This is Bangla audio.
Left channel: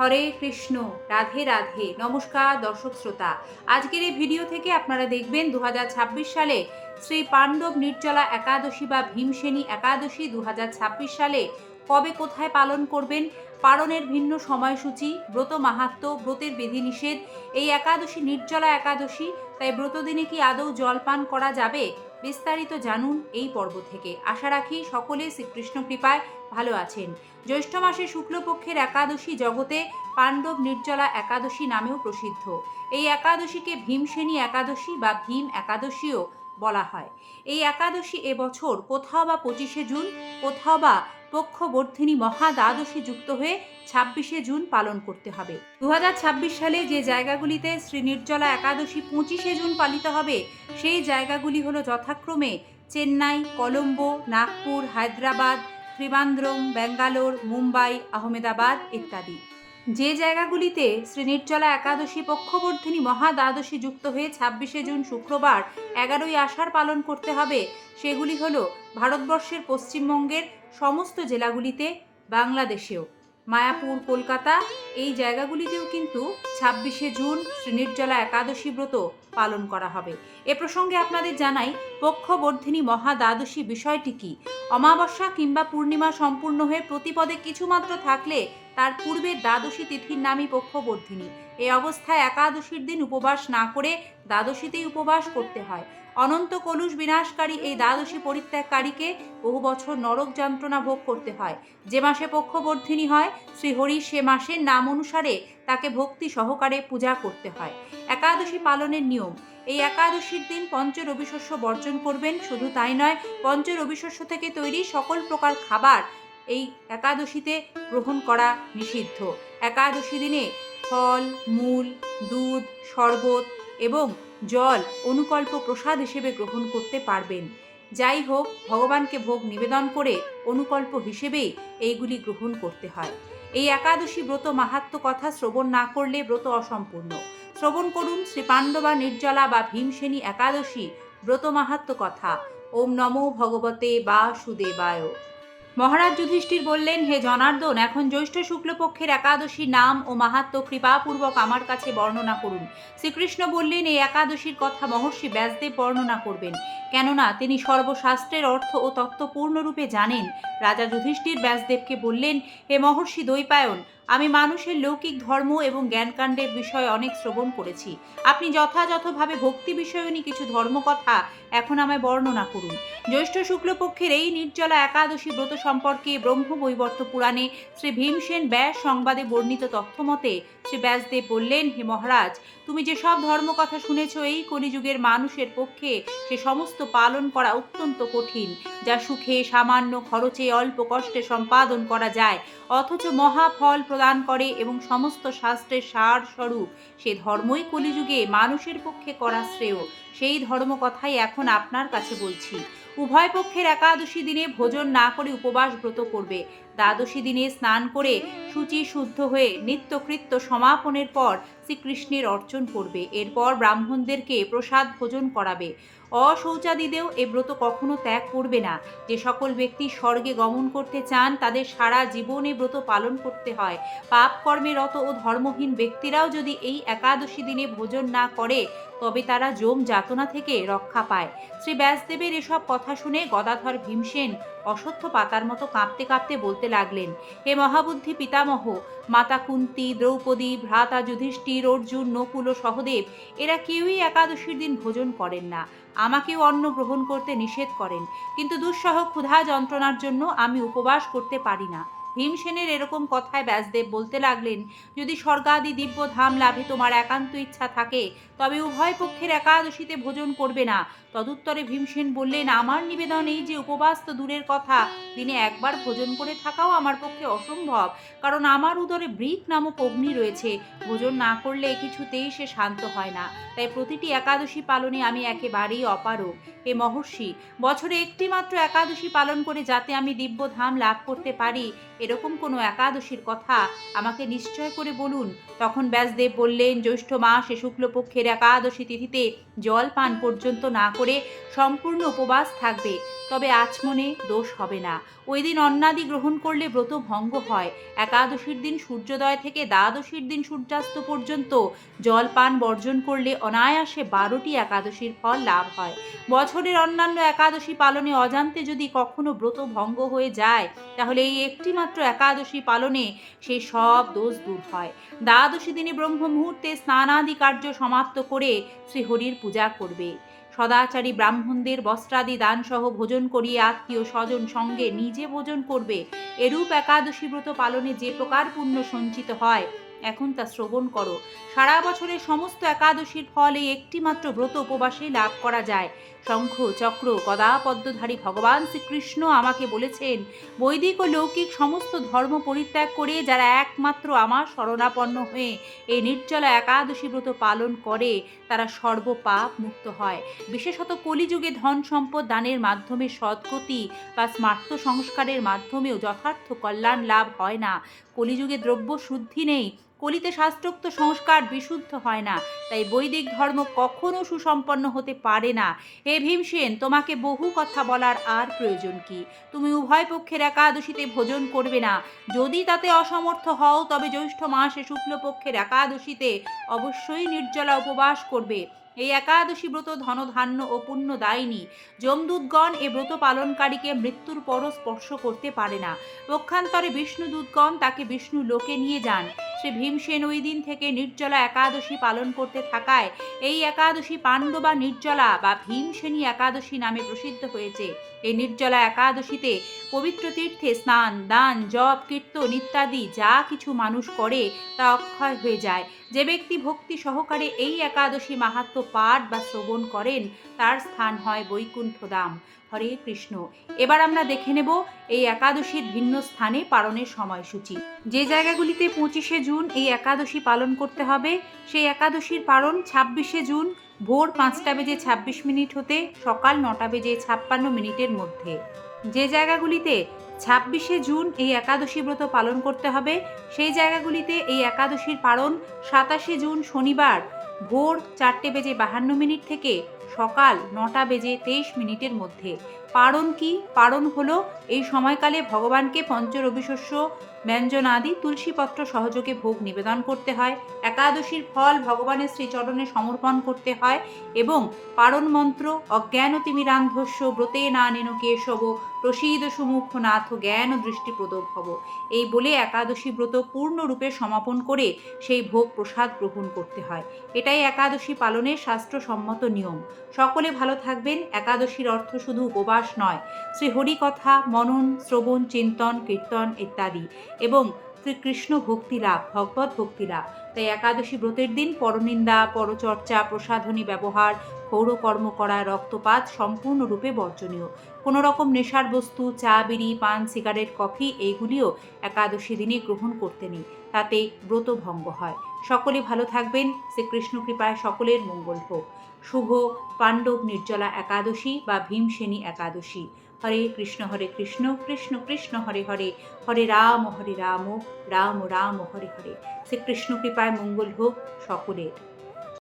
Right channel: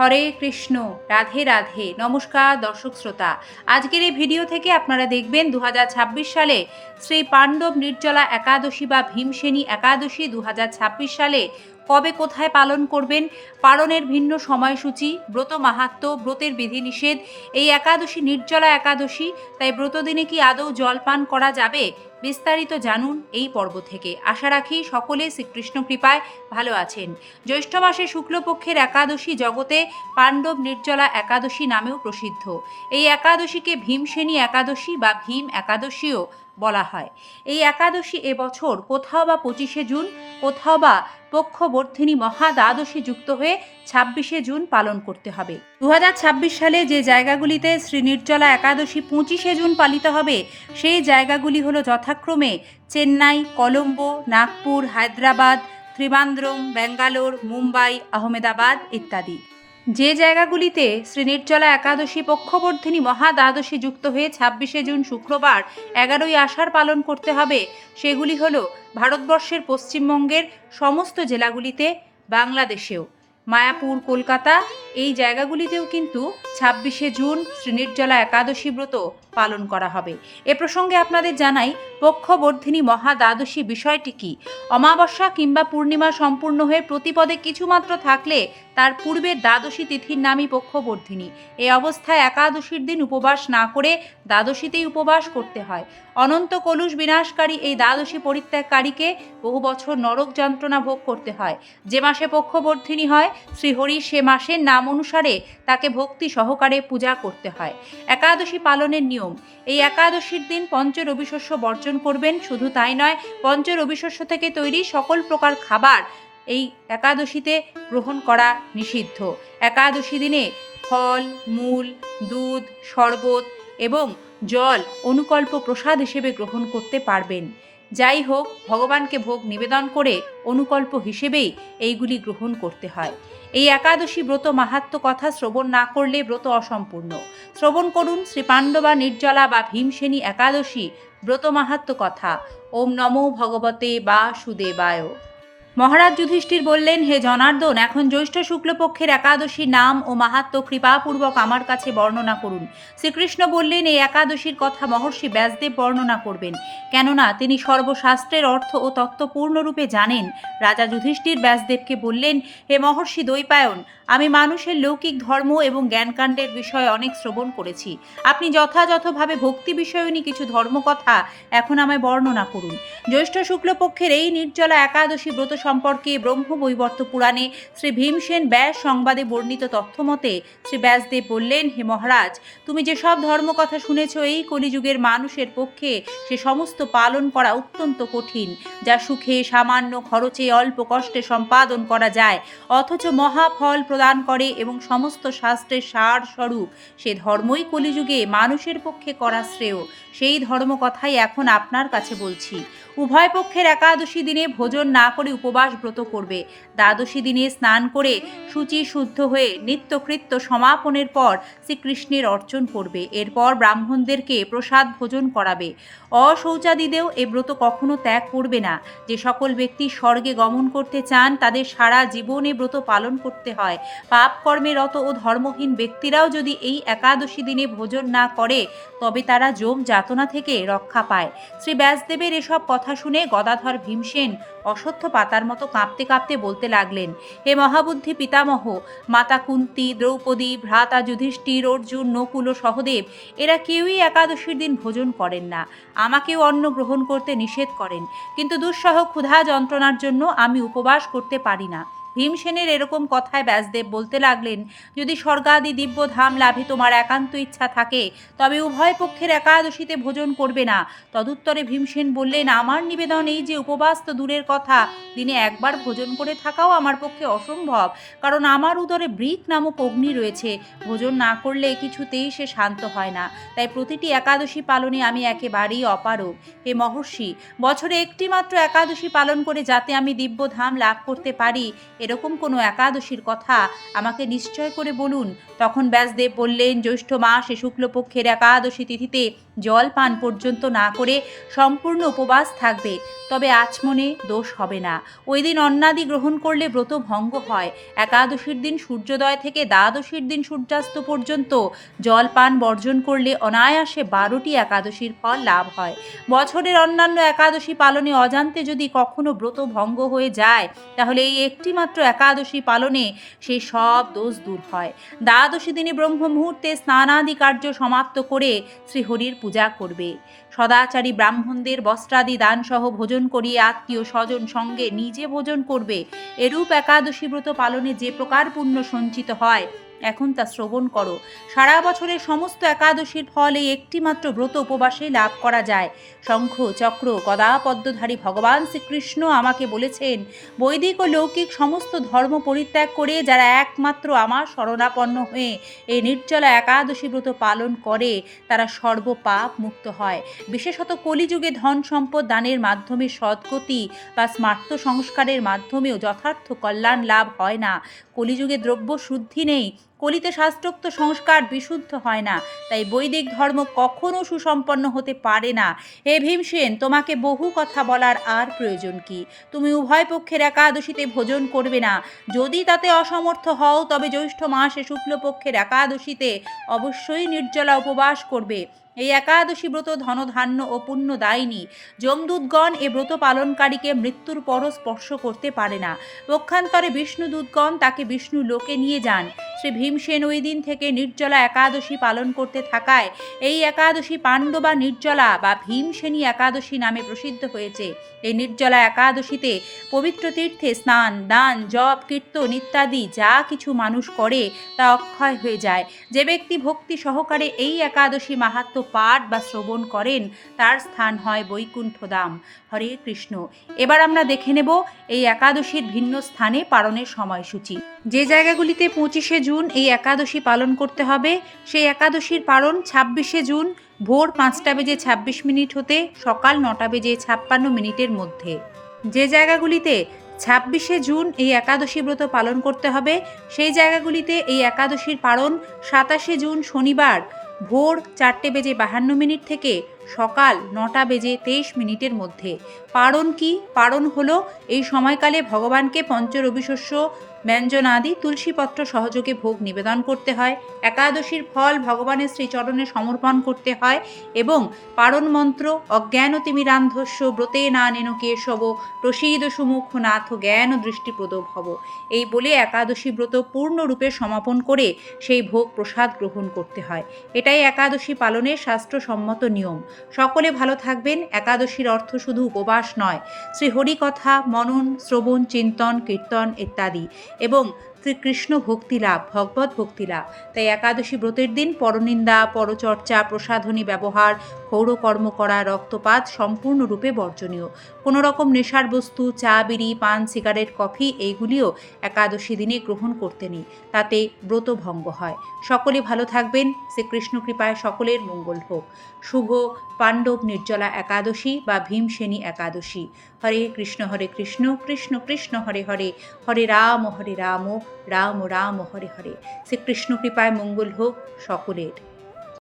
হরে কৃষ্ণ, রাধে রাধে। নমস্কার দর্শক শ্রোতা, আজকের এই ভিডিও থেকে আপনারা দেখবেন 2026 সালে শ্রী পাণ্ডব নির্জলা একাদশী বা ভীমসেনী একাদশী 2026 সালে কবে কোথায় পালন করবেন, পালনের ভিন্ন সময়সূচি, ব্রত মাহাত্ম্য, ব্রতের বিধিনিষেধ। এই একাদশী নির্জলা একাদশী, তাই ব্রতদিনে কি আদৌ জলপান করা যাবে? বিস্তারিত জানুন এই পর্ব থেকে। আশা রাখি সকলে শ্রীকৃষ্ণ কৃপায় ভালো আছেন। জ্যৈষ্ঠ মাসে শুক্লপক্ষের একাদশী জগতে পাণ্ডব নির্জলা একাদশী নামেও প্রসিদ্ধ। এই একাদশীকে ভীমসেনী একাদশী বা ভীম একাদশীও বলা হয়। এই একাদশী এবছর কোথাও বা 25শে জুন, কোথাও বা পক্ষবর্ধিনী মহা দ্বাদশী যুক্ত হয়ে 26শে জুন পালন করতে হবে। 2026 সালে যে জায়গাগুলিতে শ্রী নির্জলা একাদশী 25শে জুন পালিত হবে, সেই জায়গাগুলি হলো যথাক্রমে চেন্নাই, কলম্বো, নাগপুর, হায়দ্রাবাদ, ত্রিবান্দ্রম, ব্যাঙ্গালোর, মুম্বাই, আহমেদাবাদ ইত্যাদি। যে জায়গাগুলিতে শ্রী নির্জলা একাদশী পক্ষবর্ধিনী মহা দ্বাদশী যুক্ত হয়ে 26শে জুন শুক্রবার 11ই আষাঢ় পালন করতে হবে, সেগুলি হল ভারতবর্ষের পশ্চিমবঙ্গের সমস্ত জেলাগুলিতে, বাংলাদেশেও মায়াপুর, কলকাতা, এই জায়গাগুলিতেও কিন্তু 26শে জুন শ্রী নির্জলা একাদশী ব্রত পালন করা হবে। এ প্রসঙ্গে আপনাদের জানাই, পক্ষবর্ধিনী মহা দ্বাদশী বিষয়টি কি। অমাবস্যা কিংবা পূর্ণিমা সম্পূর্ণ হয়ে প্রতিপদে কিছুমাত্র থাকলে তার পূর্বের দ্বাদশী তিথির নামই পক্ষবর্ধিনী। এই অবস্থায় একাদশীর দিন উপবাস না করে দ্বাদশীতেই উপবাস করতে হয়। অনন্ত কলুষ বিনাশকারী এই দ্বাদশী পরিত্যাগকারীকে বহু বছর নরক যন্ত্রণা ভোগ করতে হয়। যে মাসে পক্ষবর্ধিনী হয় শ্রীহরি, সে মাসের নাম অনুসারে তাকে ভক্তি সহকারে পূজা করতে হয়। একাদশী পালনের নিয়ম: এই একাদশীর দিন পঞ্চ রবিশস্য বর্জন করবেন। শুধু তাই নয়, পঞ্চ রবিশস্য থেকে তৈরি সকল প্রকার খাবার এই একাদশীতে গ্রহণ করা নিষিদ্ধ। একাদশী দিনে ফল, মূল, দুধ, শরবত এবং জল অনুকল্প প্রসাদ হিসেবে গ্রহণ করতে পারবেন। যাই হোক, ভগবানকে ভোগ নিবেদন করে অনুকল্প হিসেবেই এইগুলি গ্রহণ করতে হয়। এই একাদশী ব্রত মাহাত্ম্য কথা শ্রবণ না করলে ব্রত অসম্পূর্ণ। শ্রবণ করুন শ্রী পাণ্ডবা নির্জলা বা ভীমসেনী একাদশী ব্রত মাহাত্ম্য কথা। ওম নমো ভগবতে বাসুদেবায়। মহারাজ যুধিষ্ঠির বললেন, হে জনার্দন, এখন জ্যৈষ্ঠ শুক্লপক্ষের একাদশীর নাম ও মাহাত্ম্য কৃপাপূর্বক আমার কাছে বর্ণনা করুন। শ্রীকৃষ্ণ বললেন, এই একাদশীর কথা মহর্ষি ব্যাসদেব বর্ণনা করবেন, কেননা তিনি সর্বশাস্ত্রের অর্থ ও তত্ত্ব পূর্ণরূপে জানেন। রাজা যুধিষ্ঠির ব্যাসদেবকে বললেন, হে মহর্ষি দ্বৈপায়ন, আমি মানুষের লৌকিক ধর্ম এবং জ্ঞানকাণ্ডের বিষয়ে অনেক শ্রবণ করেছি। আপনি যথাযথভাবে ভক্তি বিষয়নী কিছু ধর্মকথা এখন আমায় বর্ণনা করুন। জ্যৈষ্ঠ শুক্লপক্ষের এই নির্জলা একাদশী ব্রত সম্পর্কে ব্রহ্মবৈবর্ত পুরাণে শ্রী ভীমসেন ব্যাস সংবাদে বর্ণিত তথ্যমতে শ্রী ব্যাসদেব বললেন, হে মহারাজ, তুমি যেসব ধর্মকথা শুনেছ, এই কলিযুগের মানুষের পক্ষে সে সমস্ত পালন করা অত্যন্ত কঠিন, যা সুখে, সামান্য খরচে, অল্প কষ্টে সম্পাদন করা যায়, অথচ মহাফল প্রদান করে এবং সমস্ত শাস্ত্রের সার স্বরূপ। সে ধর্মই কলিযুগে মানুষের পক্ষে করা শ্রেয়। সেই ধর্মকথাই এখন আপনার কাছে বলছি। উভয় পক্ষের একাদশী দিনে ভোজন না করে উপবাস ব্রত করবে। দ্বাদশী দিনে স্নান করে শুচি শুদ্ধ হয়ে নিত্যকৃত্য সমাপনের পর শ্রীকৃষ্ণের অর্চন করবে। এরপর ব্রাহ্মণদেরকে প্রসাদ ভোজন করাবে। অশৌচাদিদেও এ ব্রত কখনো ত্যাগ করবে না। যে সকল ব্যক্তি স্বর্গে গমন করতে চান, তাদের সারা জীবনে ব্রত পালন করতে হয়। পাপ কর্মে রত ও ধর্মহীন ব্যক্তিরাও যদি এই একাদশী দিনে ভোজন না করে, তবে তারা যম যাতনা থেকে রক্ষা পায়। শ্রী ব্যাসদেবের এসব কথা শুনে গদাধর ভীমসেন অশ্বত্থ পাতার মতো কাঁপতে কাঁপতে বলতে লাগলেন, হে মহাবুদ্ধি পিতামহ, মাতা কুন্তী, দ্রৌপদী, ভ্রাতা যুধিষ্ঠির, অর্জুন, নকুল ও সহদেব এরা কেউই একাদশীর দিন ভোজন করেন না। আমাকেও অন্ন গ্রহণ করতে নিষেধ করেন, কিন্তু দুঃসহ ক্ষুধা যন্ত্রণার জন্য আমি উপবাস করতে পারি না। ভীমসেনের এরকম কথায় ব্যাসদেব বলতে লাগলেন, যদি স্বর্গাদি দিব্য ধাম লাভে তোমার একান্ত ইচ্ছা থাকে, তবে উভয় পক্ষের একাদশীতে ভোজন করবে না। তদুত্তরে ভীমসেন বললেন, আমার নিবেদন এই যে উপবাস তো দূরের কথা, দিনে একবার ভোজন করে থাকাও আমার পক্ষে অসম্ভব, কারণ আমার উদরে বৃক নামক অগ্নি রয়েছে। ভোজন না করলে কিছুতেই সে শান্ত হয় না। তাই প্রতিটি একাদশী পালনে আমি একেবারেই অপারগ। হে মহর্ষি, বছরে একটি মাত্র একাদশী পালন করে যাতে আমি দিব্য ধাম লাভ করতে পারি, এর সেরকম কোনো একাদশীর কথা আমাকে নিশ্চয় করে বলুন। তখন ব্যাসদেব বললেন, জ্যৈষ্ঠ মাসে শুক্লপক্ষের একাদশী তিথিতে জল পান পর্যন্ত না করে সম্পূর্ণ উপবাস থাকবে, তবে আচমনে দোষ হবে না। ওই দিন অন্নাদি গ্রহণ করলে ব্রত ভঙ্গ হয়। একাদশীর দিন সূর্যোদয় থেকে দ্বাদশীর দিন সূর্যাস্ত পর্যন্ত জল পান বর্জন করলে অনায়াসে 12টি একাদশীর ফল লাভ হয়। বছরের অন্যান্য একাদশী পালনে অজান্তে যদি কখনো ব্রত ভঙ্গ হয়ে যায়, তাহলে এই একটি মাত্র একাদশী পালনে সেই সব দোষ দূর হয়। দ্বাদশী দিনে ব্রহ্ম মুহূর্তে স্নানাদি কার্য সমাপ্ত করে শ্রীহরির পূজা করবে। সদাচারী ব্রাহ্মণদের বস্ত্রাদি দানসহ ভোজন করিয়ে আত্মীয় স্বজন সঙ্গে নিজে ভোজন করবে। এরূপ একাদশী ব্রত পালনে যে প্রকার পুণ্য সঞ্চিত হয়, এখন তা শ্রবণ করো। সারা বছরের সমস্ত একাদশীর ফল এই একটি মাত্র ব্রত উপবাসে লাভ করা যায়। শঙ্খ চক্র গদা পদ্মধারী ভগবান শ্রীকৃষ্ণ আমাকে বলেছেন, বৈদিক ও লৌকিক সমস্ত ধর্ম পরিত্যাগ করে যারা একমাত্র আমার শরণাপন্ন হয়ে এই নির্জলা একাদশী ব্রত পালন করে, তারা সর্বপাপ মুক্ত হয়। বিশেষত কলিযুগে ধন সম্পদ দানের মাধ্যমে সদ্গতি বা স্মার্ত সংস্কারের মাধ্যমেও যথার্থ কল্যাণ লাভ হয় না। কলিযুগে দ্রব্য শুদ্ধি নেই, কলিতে শাস্ত্রোক্ত সংস্কার বিশুদ্ধ হয় না, তাই বৈদিক ধর্ম কখনো সুসম্পন্ন হতে পারে না। হে ভীমসেন, তোমাকে বহু কথা বলার আর প্রয়োজন কি? তুমি উভয় পক্ষের একাদশীতে ভোজন করবে না। যদি তাতে অসমর্থ হও, তবে জ্যৈষ্ঠ মাসে শুক্লপক্ষের একাদশীতে অবশ্যই নির্জলা উপবাস করবে। এই একাদশী ব্রত ধনধান্য ও পুণ্যদায়িনী। যমদূতগণ এ ব্রত পালনকারীকে মৃত্যুর পরও স্পর্শ করতে পারে না। পক্ষান্তরে বিষ্ণুদূতগণ তাকে বিষ্ণু লোকে নিয়ে যান। শ্রী ভীমসেন ওই দিন থেকে নির্জলা একাদশী পালন করতে থাকায় এই একাদশী পাণ্ডবা নির্জলা বা ভীমসেনী একাদশী নামে প্রসিদ্ধ হয়েছে। এই নির্জলা একাদশীতে পবিত্র তীর্থে স্নান দান জপ কীর্তন ইত্যাদি যা কিছু মানুষ করে তা অক্ষয় হয়ে যায়। যে ব্যক্তি ভক্তি সহকারে এই একাদশী মাহাত্ম্য পাঠ বা শ্রবণ করেন, তার স্থান হয় বৈকুণ্ঠ ধাম। হরে কৃষ্ণ। এবার আমরা দেখে নেব এই একাদশীর ভিন্ন স্থানে পালনের সময়সূচি। যে জায়গাগুলিতে 25শে জুন এই একাদশী পালন করতে হবে, সেই একাদশীর পালন 26শে জুন ভোর 5:26 হতে সকাল 9:56 মধ্যে। যে জায়গাগুলিতে 26শে জুন এই একাদশী ব্রত পালন করতে হবে, সেই জায়গাগুলিতে এই একাদশীর পালন 27শে জুন শনিবার ভোর 4:52 থেকে সকাল 9:23 মধ্যে। পারণ কি? পারণ হলো এই সময়কালে ভগবানকে পঞ্চরবিশস্য ব্যঞ্জনাদি তুলসীপত্র সহযোগে ভোগ নিবেদন করতে হয়। একাদশীর ফল ভগবানের শ্রীচরণে সমর্পণ করতে হয় এবং পারণ মন্ত্র অজ্ঞানতিমিরান্ধস্য ব্রতে না নেন কেশব প্রসীদ সুমুখ নাথ জ্ঞান দৃষ্টিপ্রদ ভব, এই বলে একাদশী ব্রত পূর্ণরূপে সমাপন করে সেই ভোগ প্রসাদ গ্রহণ করতে হয়। এটাই একাদশী পালনের শাস্ত্রসম্মত নিয়ম। সকলে ভালো থাকবেন। একাদশীর অর্থ শুধু উপবাস নয়, শ্রীহরি কথা মনন শ্রবণ চিন্তন কীর্তন ইত্যাদি এবং শ্রীকৃষ্ণ ভক্তি লাভ ভগবত ভক্তি লাভ। তাই একাদশী ব্রতের দিন পরনিন্দা পরচর্চা প্রসাধনী ব্যবহার ক্ষৌরকর্ম করা রক্তপাত সম্পূর্ণরূপে বর্জনীয়। কোনো রকম নেশার বস্তু চা বিড়ি পান সিগারেট কফি এইগুলিও একাদশী দিনে গ্রহণ করতে নেই, তাতে ব্রত ভঙ্গ হয়। সকলে ভালো থাকবেন। শ্রীকৃষ্ণ কৃপায় সকলের মঙ্গল হোক। শুভ পাণ্ডব নির্জলা একাদশী বা ভীমসেনী একাদশী। হরে কৃষ্ণ কৃষ্ণ কৃষ্ণ হরে হরে, হরে রাম রাম রাম হরে হরে। শ্রীকৃষ্ণ কৃপায় মঙ্গল হোক সকলের।